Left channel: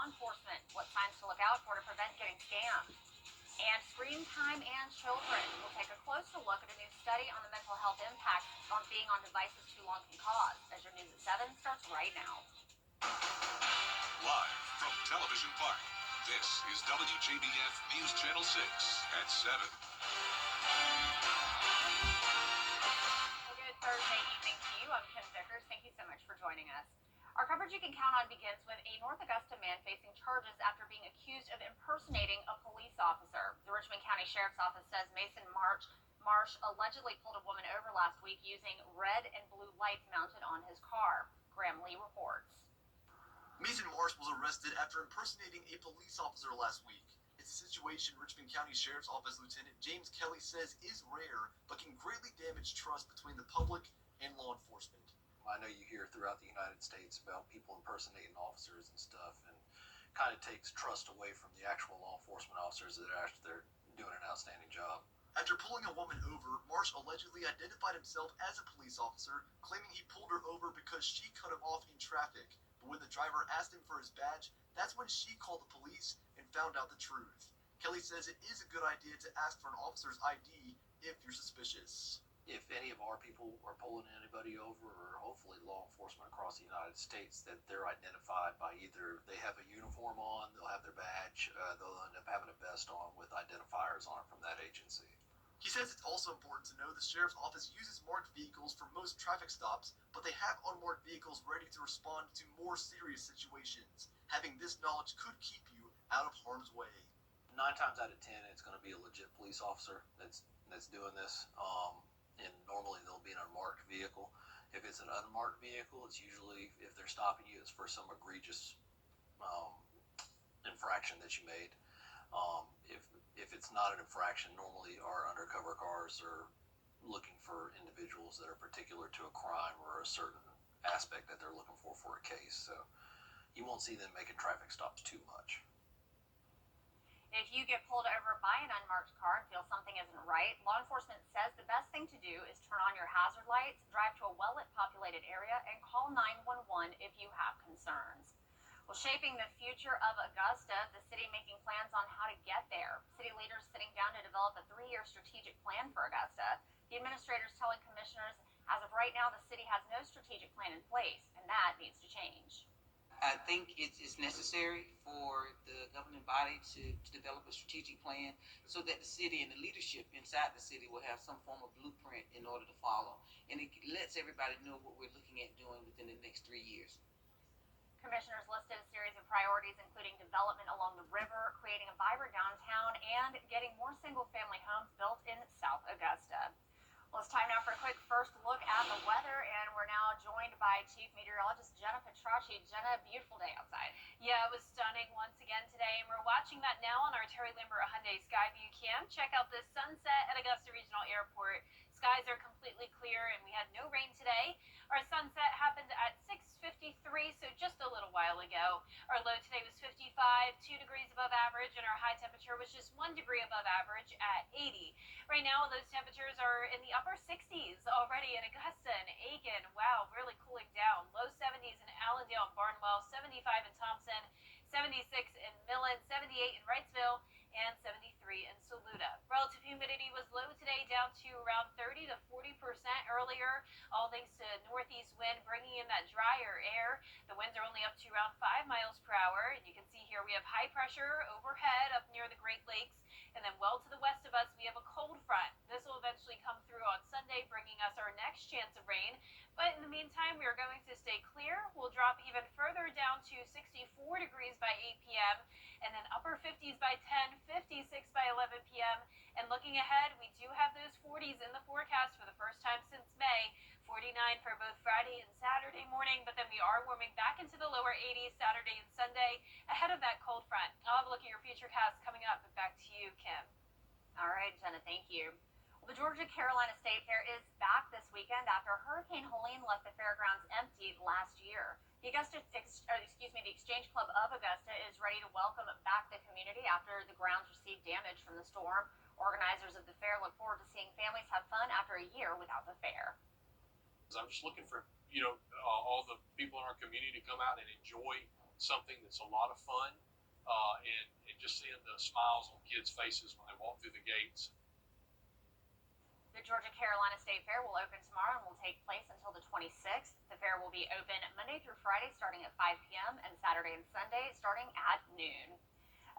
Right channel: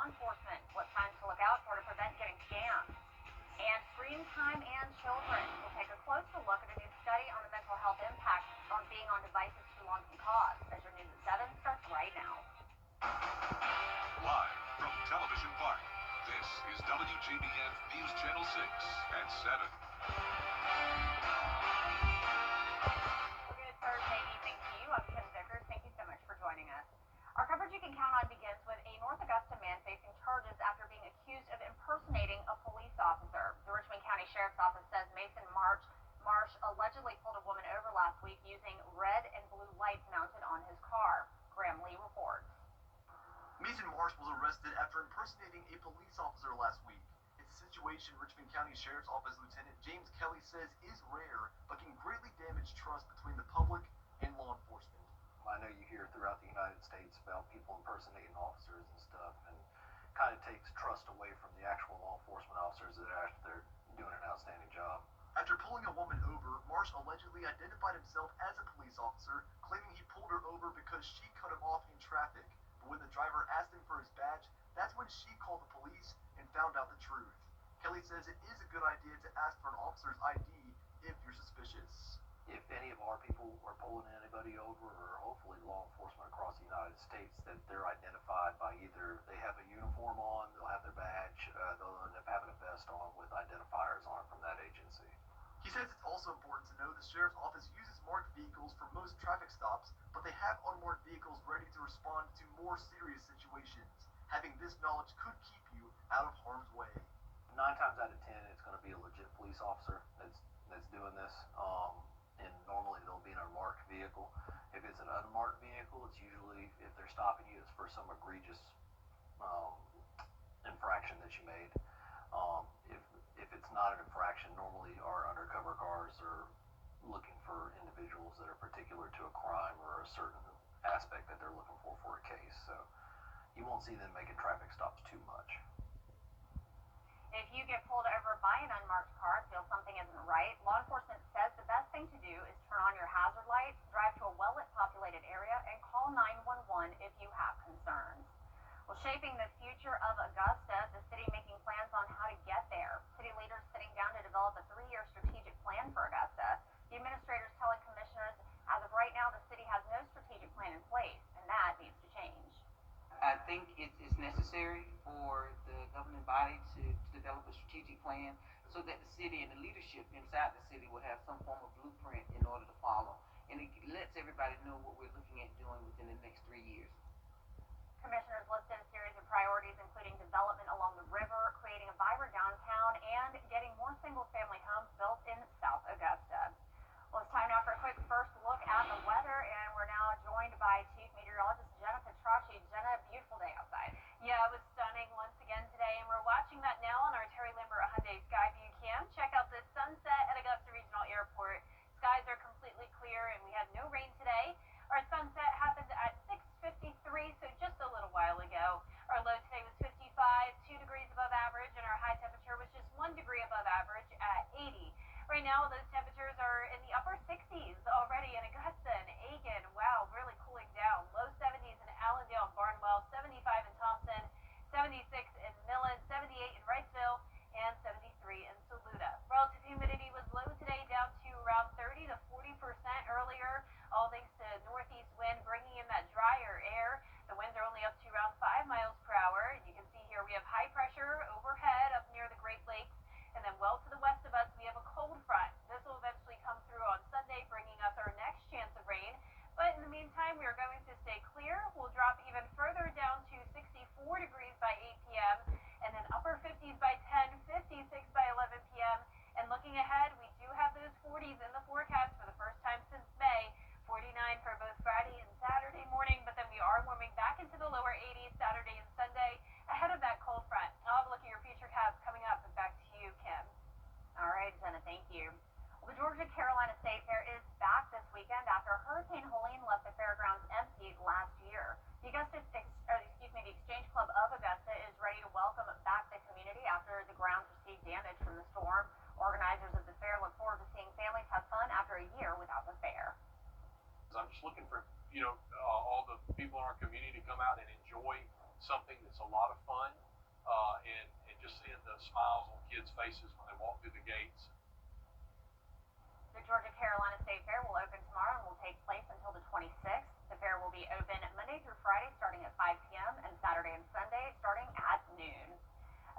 law enforcement, what signs to look out for to prevent getting scammed. And screen time and children. We'll take a closer look at a new study on the mental health impact on being on devices too long can cause. As your news at 7 starts right now. Live from Television Park, this is WJBF News Channel 6 at 7. Well, good Thursday evening to you. I'm Kim Vickers. Thank you so much for joining us. Our coverage you can count on begins with a North Augusta man facing charges after being accused of impersonating a police officer. The Richmond County Sheriff's Office says Mason Marsh allegedly pulled a woman over last week using red and blue lights mounted on his car. Graham Lee reports. Mason Marsh was arrested after impersonating a police officer last week. It's a situation Richmond County Sheriff's Office Lieutenant James Kelly says is rare, but can greatly damage trust between the public and law enforcement. I know you hear throughout the United States about people impersonating officers and stuff, and kind of takes trust away from the actual law enforcement officers that are actually doing an outstanding job. After pulling a woman over, Marsh allegedly identified himself as a police officer, claiming he pulled her over because she cut him off in traffic. But when the driver asked him for his badge, that's when she called the police and found out the truth. Kelly says it is a good idea to ask for an officer's ID if you're suspicious. If any of our people are pulling anybody over, or hopefully law enforcement across the United States, that they're identified by either they have a uniform on, they'll have their badge, they'll end up having a vest on with identifiers on it from that agency. He says it's also important to know the Sheriff's Office uses marked vehicles for most traffic stops, but they have unmarked vehicles ready to respond to more serious situations. Having this knowledge could keep you out of harm's way. 9 times out of 10, it's going to be a legit police officer that's doing this. And normally they'll be in an unmarked vehicle. If it's an unmarked vehicle, it's usually, if they're stopping you, it's for some egregious infraction that you made. If it's not an infraction, normally our undercover cars are looking for individuals that are particular to a crime or a certain aspect that they're looking for a case. So you won't see them making traffic stops too much. If you get pulled over by an unmarked car and feel something isn't right, law enforcement says the best thing to do is turn on your hazard lights, drive to a well-lit populated area, and call 911 if you have concerns. Well, shaping the future of Augusta, the city making plans on how to get there. City leaders sitting down to develop a 3-year strategic plan for Augusta. The administrators telling commissioners, as of right now, the city has no strategic plan in place, and that needs to change. I think it's necessary for the governing body to develop a strategic plan so that the city and the leadership inside the city will have some form of blueprint in order to follow. And it lets everybody know what we're looking at doing within the next 3 years. Commissioners listed a series of priorities, including development along the river, creating a vibrant downtown, and getting more single-family homes built in South Augusta. Well, it's time now for a quick first look at the weather, and we're now joined by Chief Meteorologist Jenna Petracci. Jenna, beautiful day outside. Yeah, it was stunning once again today, and we're watching that now on our Terry Lambert Hyundai Skyview cam. Check out this sunset at Augusta Regional Airport. Skies are completely clear, and we had no rain today. Our sunset happened at 6:53, so just a little while ago. Our low today was 55, 2 degrees above average, and our high temperature was just 1 degree above average at 80. Right now, those temperatures are in the upper 60s already in Augusta and Aiken. Wow, really cooling down. Low 70s in Allendale and Barnwell, 75 in Thompson, 76 in Millen, 78 in Wrightsville, and 73 in Saluda. Relative humidity was low today, down to around 30 to 40% earlier, all thanks to northeast wind bringing in that drier air. The winds are only up to around 5 miles per hour, and you can see here we have high pressure overhead up near the Great Lakes, and then well to the west of us we have a cold front. This will eventually come through on Sunday, bringing us our next chance of rain. But in the meantime, we are going to stay clear. We'll drop even further down to 64 degrees by 8 p.m. and then upper 50s by 10, 56 by 11 p.m. And looking ahead, we do have those 40s in the forecast for the first time since May. 49 for both Friday and Saturday morning, but then we are warming back into the lower 80s Saturday and Sunday ahead of that cold front. I'll have a look at your futurecast coming up, but back to you, Kim. All right, Jenna, thank you. Well, the Georgia Carolina State Fair is back this weekend after Hurricane Helene left the fairgrounds empty last year. The Exchange Club of Augusta is ready to welcome back the community after the grounds received damage from the storm. Organizers of the fair look forward to seeing families have fun after a year without the fair. I'm just looking for, all the people in our community to come out and enjoy something that's a lot of fun, and just seeing the smiles on kids' faces when they walk through the gates. The Georgia Carolina State Fair will open tomorrow and will take place until the 26th. The fair will be open Monday through Friday starting at 5 p.m. and Saturday and Sunday starting at noon.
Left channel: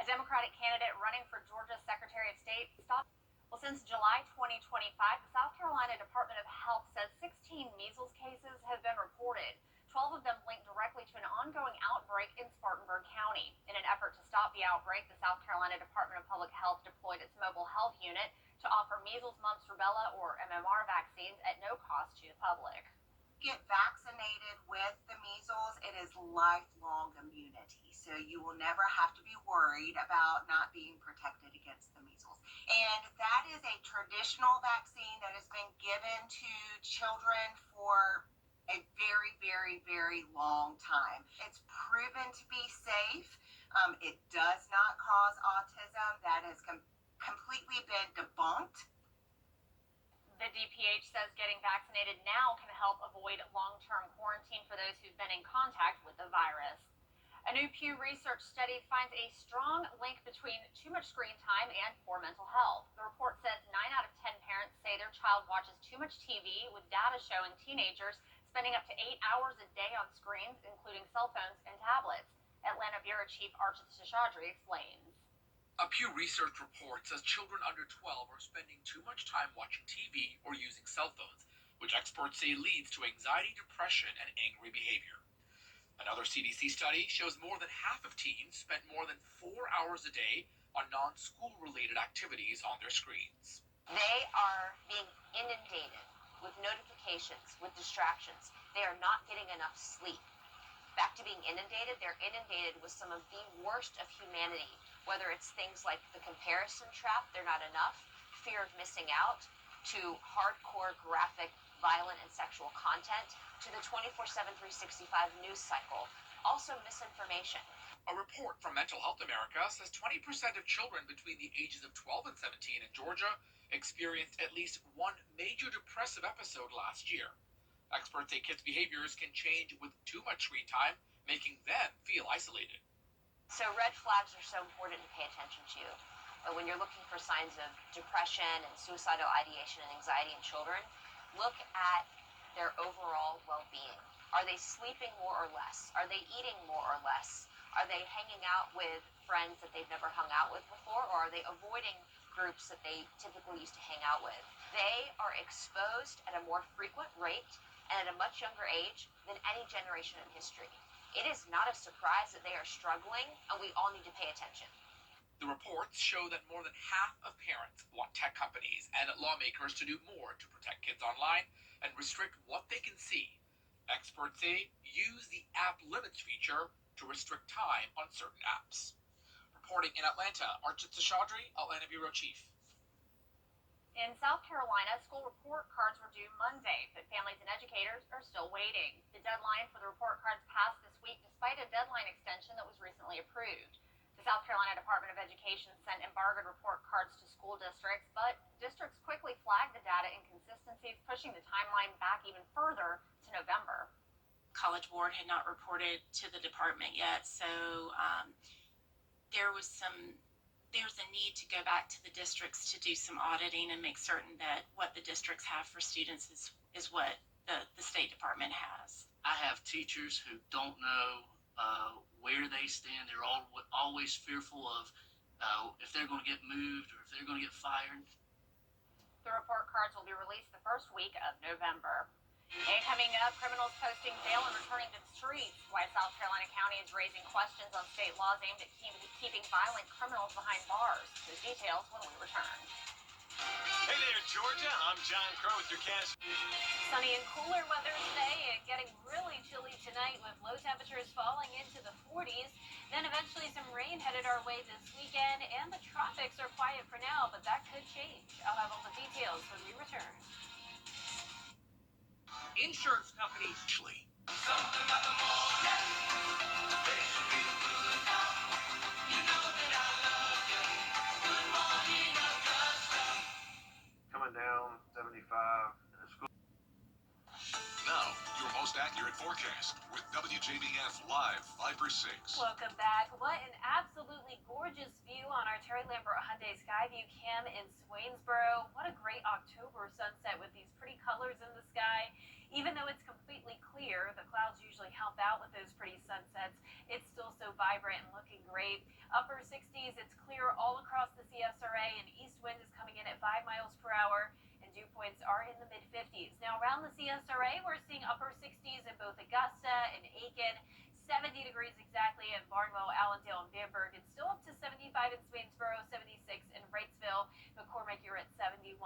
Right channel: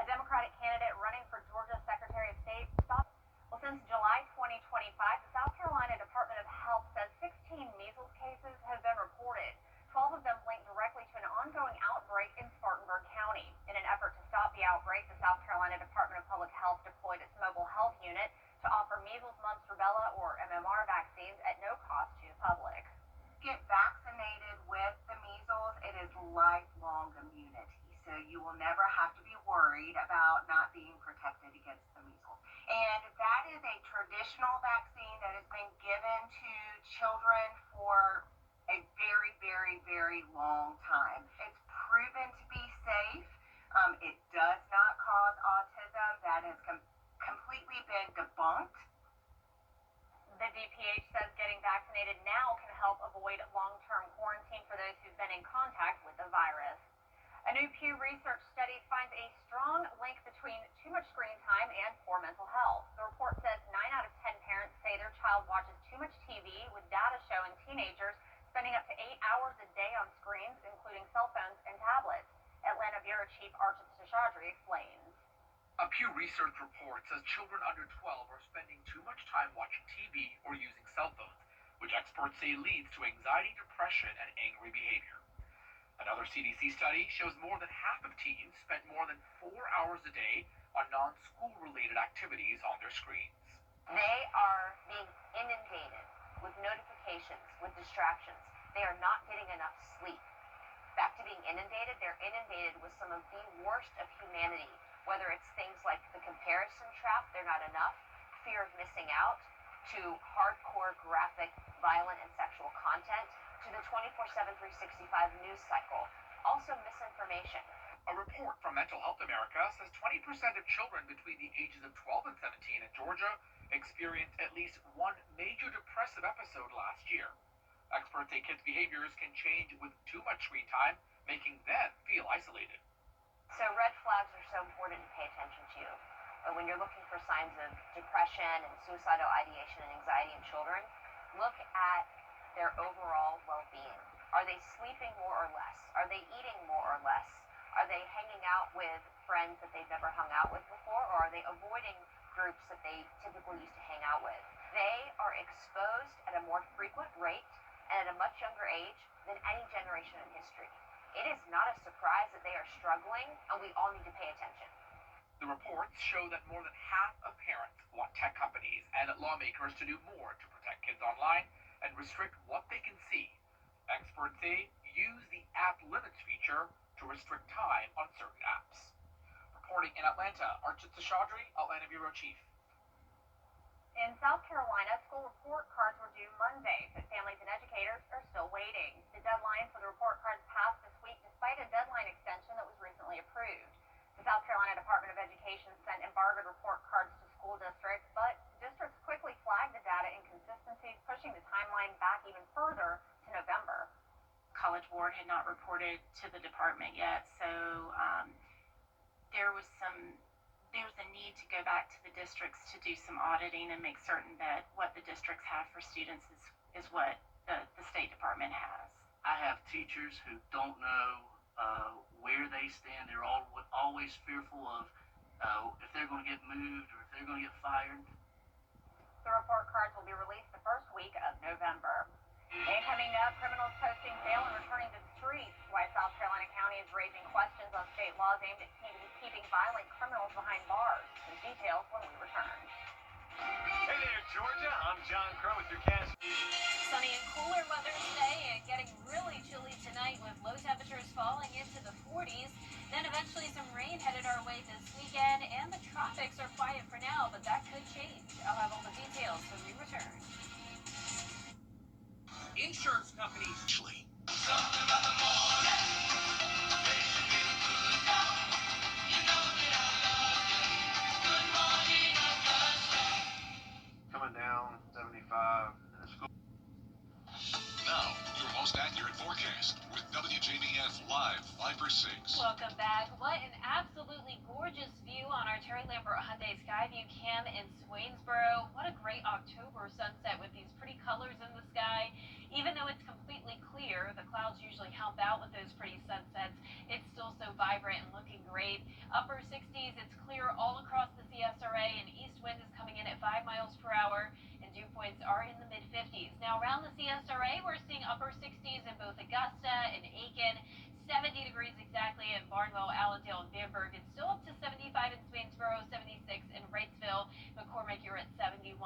A Democratic candidate running for Georgia Secretary of State stopped. Well, since July 2025, the South Carolina Department of Health says 16 measles cases have been reported. 12 of them linked directly to an ongoing outbreak in Spartanburg County. In an effort to stop the outbreak, the South Carolina Department of Public Health deployed its mobile health unit to offer measles, mumps, rubella, or MMR vaccines at no cost to the public. Get vaccinated with the measles, it is lifelong immunity. So you will never have to be worried about not being protected against the measles. And that is a traditional vaccine that has been given to children for a very, very, very long time. It's proven to be safe. It does not cause autism. That has completely been debunked. The DPH says getting vaccinated now can help avoid long-term quarantine for those who've been in contact with the virus. A new Pew Research study finds a strong link between too much screen time and poor mental health. The report says 9 out of 10 parents say their child watches too much TV, with data showing teenagers spending up to 8 hours a day on screens, including cell phones and tablets. Atlanta Bureau Chief Archit Seshadri explains. A Pew Research report says children under 12 are spending too much time watching TV or using cell phones, which experts say leads to anxiety, depression, and angry behavior. Another CDC study shows more than half of teens spent more than 4 hours a day on non-school related activities on their screens. They are being inundated with notifications, with distractions. They are not getting enough sleep. Back to being inundated, they're inundated with some of the worst of humanity, whether it's things like the comparison trap, they're not enough, fear of missing out, to hardcore, graphic, violent, and sexual content, to the 24/7, 365 news cycle. Also misinformation. A report from Mental Health America says 20% of children between the ages of 12 and 17 in Georgia experienced at least one major depressive episode last year. Experts say kids' behaviors can change with too much screen time, making them feel isolated. So red flags are so important to pay attention to. When you're looking for signs of depression and suicidal ideation and anxiety in children, look at their overall well-being. Are they sleeping more or less? Are they eating more or less? Are they hanging out with friends that they've never hung out with before, or are they avoiding groups that they typically used to hang out with? They are exposed at a more frequent rate and at a much younger age than any generation in history. It is not a surprise that they are struggling, and we all need to pay attention. The reports show that more than half of parents want tech companies and lawmakers to do more to protect kids online and restrict what they can see. Experts say use the app limits feature to restrict time on certain apps. Reporting in Atlanta, Archit Seshadri, Atlanta Bureau Chief. In South Carolina, school report cards were due Monday, but families and educators are still waiting. The deadline for the report cards passed this week despite a deadline extension that was recently approved. The South Carolina Department of Education sent embargoed report cards to school districts, but districts quickly flagged the data inconsistencies, pushing the timeline back even further to November. College Board had not reported to the department yet, so there's a need to go back to the districts to do some auditing and make certain that what the districts have for students is what the State Department has. I have teachers who don't know where they stand. They're always fearful of if they're going to get moved or if they're going to get fired. The report cards will be released the first week of November. And coming up, criminals posting bail and returning to the streets. Why South Carolina County is raising questions on state laws aimed at keeping violent criminals behind bars. Those details when we return. Hey there, Georgia. I'm John Crow with your cast. Sunny and cooler weather today and getting really chilly tonight with low temperatures falling into the 40s. Then eventually some rain headed our way this weekend, and the tropics are quiet for now, but that could change. I'll have all the details when we return. Insurance companies. Something about the morning. They should be the good now. You know that I love you. Good morning, Augusta. Coming down 75 in a school. Now, your most accurate forecast with WJBF Live 5 for 6. Welcome back. What an absolutely gorgeous view on our Terry Lambert Hyundai Skyview Cam in Swainsboro. What a great October sunset with these pretty colors in the sky. Even though it's completely clear, the clouds usually help out with those pretty sunsets. It's still so vibrant and looking great. Upper 60s, it's clear all across the CSRA, and east wind is coming in at 5 miles per hour. Dew points are in the mid-50s. Now around the CSRA, we're seeing upper 60s in both Augusta and Aiken, 70 degrees exactly in Barnwell, Allendale, and Bamberg, and still up to 75 in Swainsboro, 76 in Wrightsville. McCormick, you're at 71.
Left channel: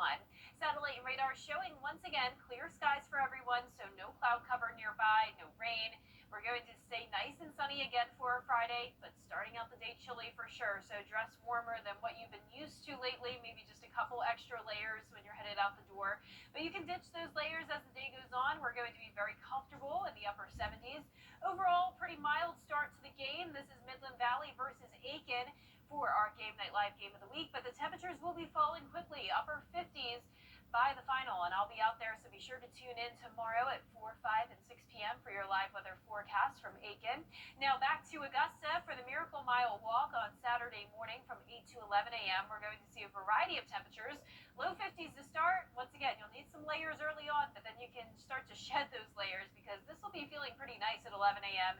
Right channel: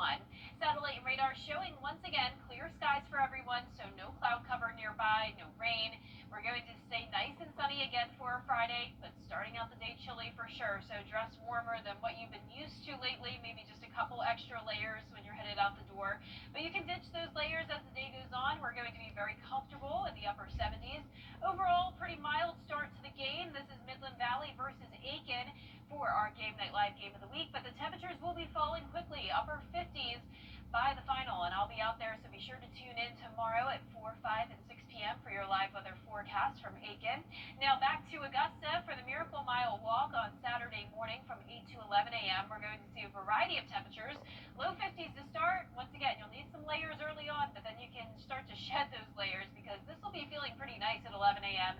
Satellite and radar showing once again clear skies for everyone, so no cloud cover nearby, no rain. We're going to stay nice and sunny again for Friday, but starting out the day chilly for sure, so dress warmer than what you've been used to lately, maybe just a couple extra layers when you're headed out the door. But you can ditch those layers as the day goes on. We're going to be very comfortable in the upper 70s. Overall, pretty mild start to the game. This is Midland Valley versus Aiken for our Game Night Live game of the week, but the temperatures will be falling quickly, upper 50s by the final, and I'll be out there, so be sure to tune in tomorrow at 4, 5, and 6 p.m. for your live weather forecast from Aiken. Now back to Augusta for the Miracle Mile Walk on Saturday morning from 8 to 11 a.m. We're going to see a variety of temperatures. Low 50s to start. Once again, you'll need some layers early on, but then you can start to shed those layers because this will be feeling pretty nice at 11 a.m.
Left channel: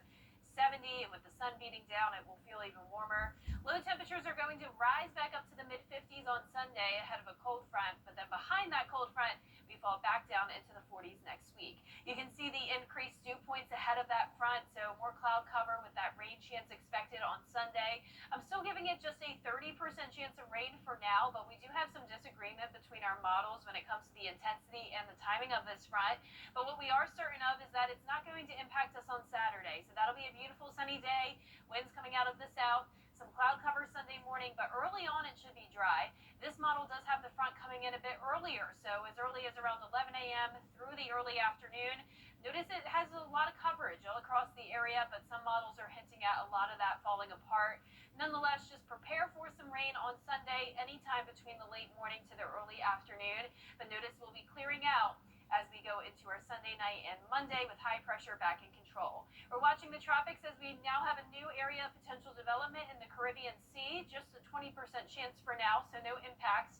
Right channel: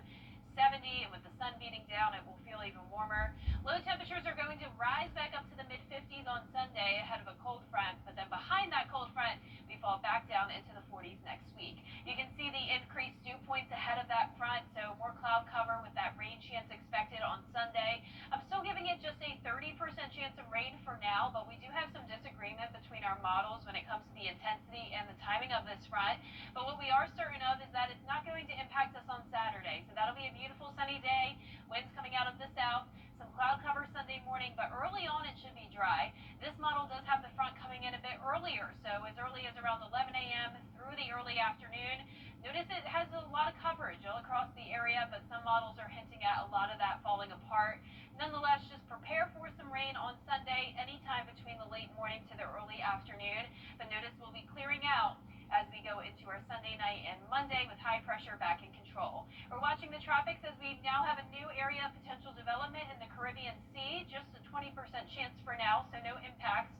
70, and with the sun beating down, it will feel even warmer. Low temperatures are going to rise back up to the mid-50s on Sunday ahead of a cold front, but then behind that cold front, we fall back down into the 40s next week. You can see the increased dew points ahead of that front, so more cloud cover with that rain chance expected on Sunday. I'm still giving it just a 30% chance of rain for now, but we do have some disagreement between our models when it comes to the intensity and the timing of this front. But what we are certain of is that it's not going to impact us on Saturday, so that'll be a beautiful sunny day, winds coming out of the south, some cloud cover Sunday morning, but early on it should be dry. This model does have the front coming in a bit earlier, so as early as around 11 a.m. through the early afternoon. Notice it has a lot of coverage all across the area, but some models are hinting at a lot of that falling apart. Nonetheless, just prepare for some rain on Sunday, anytime between the late morning to the early afternoon, but notice we'll be clearing out as we go into our Sunday night and Monday with high pressure back in control. We're watching the tropics as we now have a new area of potential development in the Caribbean Sea, just a 20% chance for now, so no impacts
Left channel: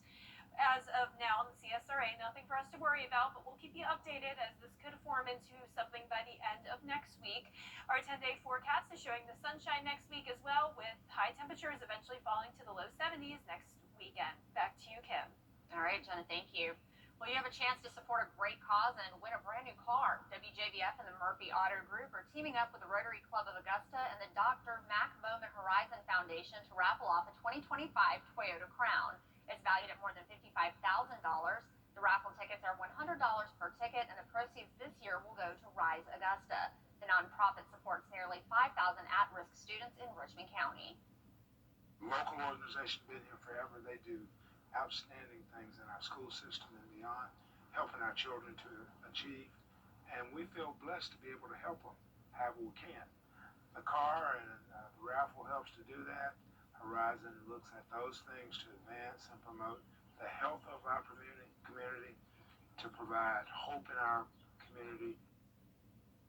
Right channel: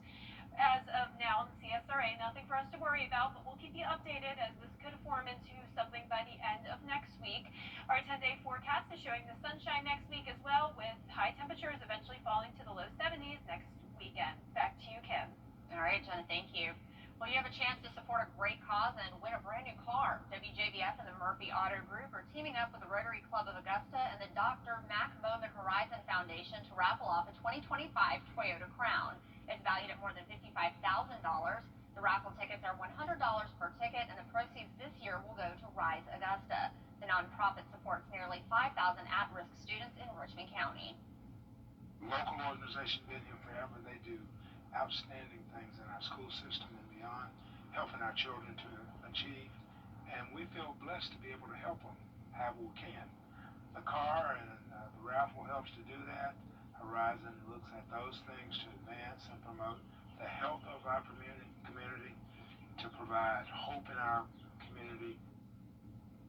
as of now in the CSRA. Nothing for us to worry about, but we'll keep you updated as this could form into something by the end of next week. Our 10-day forecast is showing the sunshine next week as well, with high temperatures eventually falling to the low 70s next weekend. Back to you, Kim. All right, Jenna, thank you. Well, you have a chance to support a great cause and win a brand new car. WJBF and the Murphy Auto Group are teaming up with the Rotary Club of Augusta and the Dr. Mac Bowman Horizon Foundation to raffle off a 2025 Toyota Crown. It's valued at more than $55,000. The raffle tickets are $100 per ticket, and the proceeds this year will go to Rise Augusta. The nonprofit supports nearly 5,000 at-risk students in Richmond County. Local organization been here forever. They do outstanding things in our school system and beyond, helping our children to achieve, and we feel blessed to be able to help them however we can. The car and the raffle helps to do that. Horizon looks at those things to advance and promote the health of our community, to provide hope in our community.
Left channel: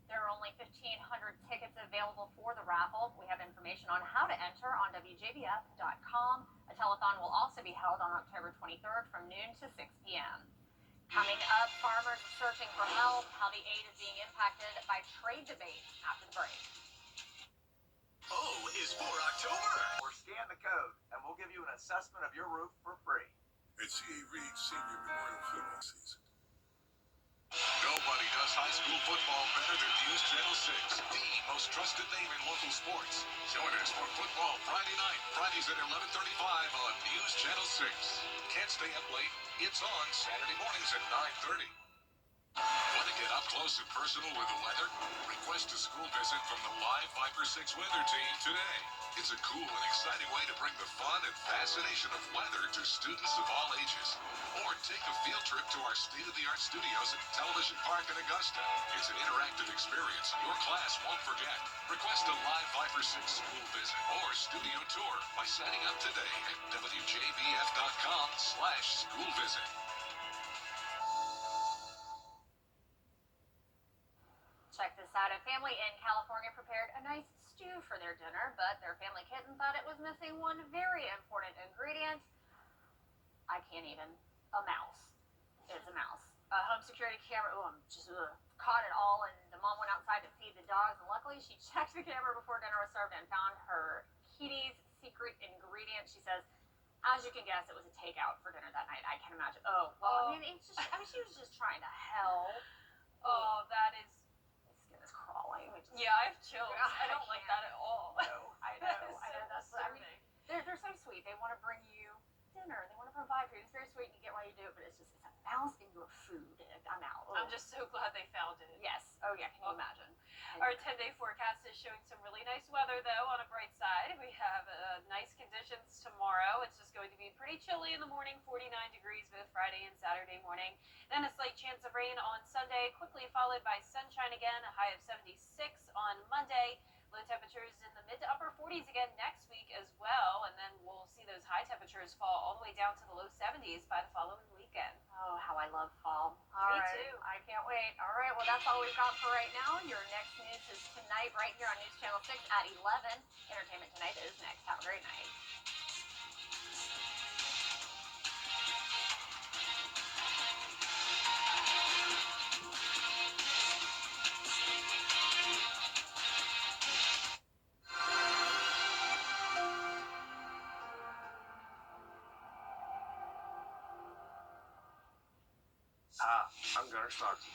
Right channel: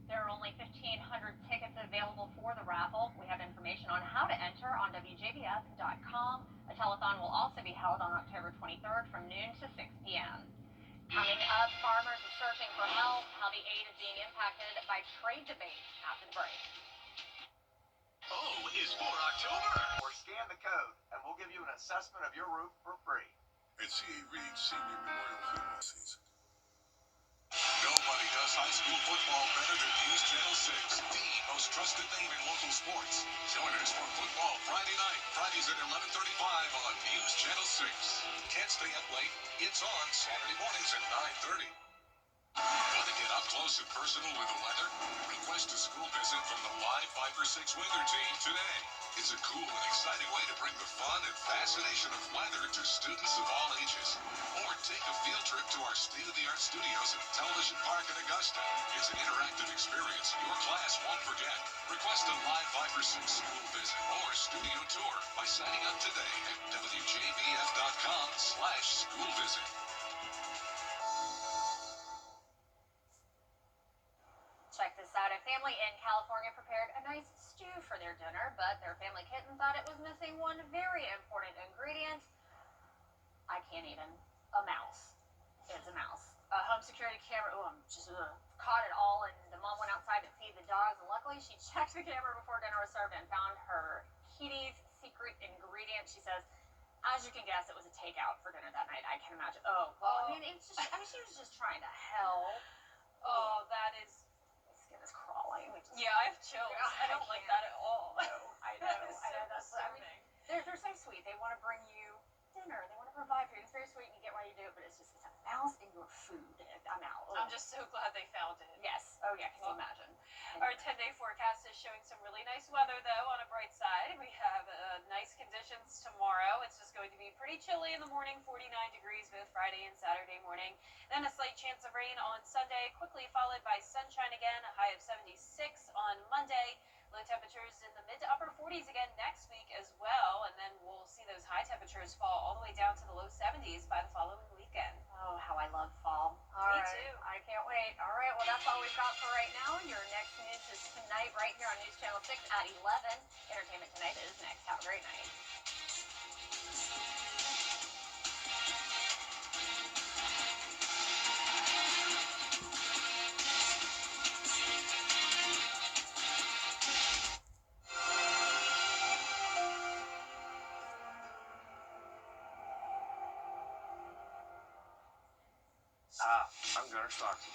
There are only 1,500 tickets available for the raffle. We have information on how to enter on WJBF.com. A telethon will also be held on October 23rd from noon to 6 p.m. Coming up, farmers are searching for help, how the aid is being impacted by trade debates after the break. O is for October. Or scan the code, and we'll give you an assessment of your roof for free. At C.A. Reed Senior Memorial Football Season. Nobody does high school football better than News Channel 6, the most trusted name in local sports. Join us for football Friday night, Fridays at 11:35 on News Channel 6. Can't stay up late? It's on Saturday mornings at 9:30. Want to get up close and personal with the weather? Request a school visit from the live 5 for 6 weather team today. It's a cool and exciting way to bring the fun and fascination of weather to students of all ages. Or take a field trip to our state-of-the-art studios at Television Park in Augusta. It's an interactive experience your class won't forget. Request a live 5 for 6 school visit or studio tour by signing up today at WJBF.com/school visit. A family in California prepared a nice stew for their dinner, but their family kitten thought it was missing one very important ingredient. I can't even. A mouse. It's a mouse. A home security camera. Caught it all, and the mom went outside to feed the dogs, and luckily she checked the camera before dinner was served and found her kitty's secret ingredient. She says, as you can guess, it was a takeout for dinner that night. I can imagine. Oh, well, I mean, she was just trying to help. Oh, that is. My skin is crawling. Yeah, I have chills. I don't like that at all. I know. That is I know. so That's what I mean. disturbing. They're so sweet. They want to bring you dinner. They want to provide for you. It's very sweet, and you get why you do it, but it's a mouse in your food. I'm out. I'm just so glad they found it. Yes. Oh yeah. Can you imagine? Our 10-day forecast is showing some really nice weather, though, on a bright side. We have nice conditions tomorrow. It's just going to be pretty chilly in the morning, 49 degrees both Friday and Saturday morning. Then a slight chance of rain on Sunday, quickly followed by sunshine again, a high of 76 on Monday. Low temperatures in the mid to upper 40s again next week as well, and then we'll see those high temperatures fall all the way down to the low 70s by the following weekend. Oh, how I love fall. Me too. I can't wait. All right, well, that's all we've got for right now. Your next news is tonight right here on News Channel 6 at 11. Entertainment Tonight is next. Have a great night. I'm Gunnar Stockton.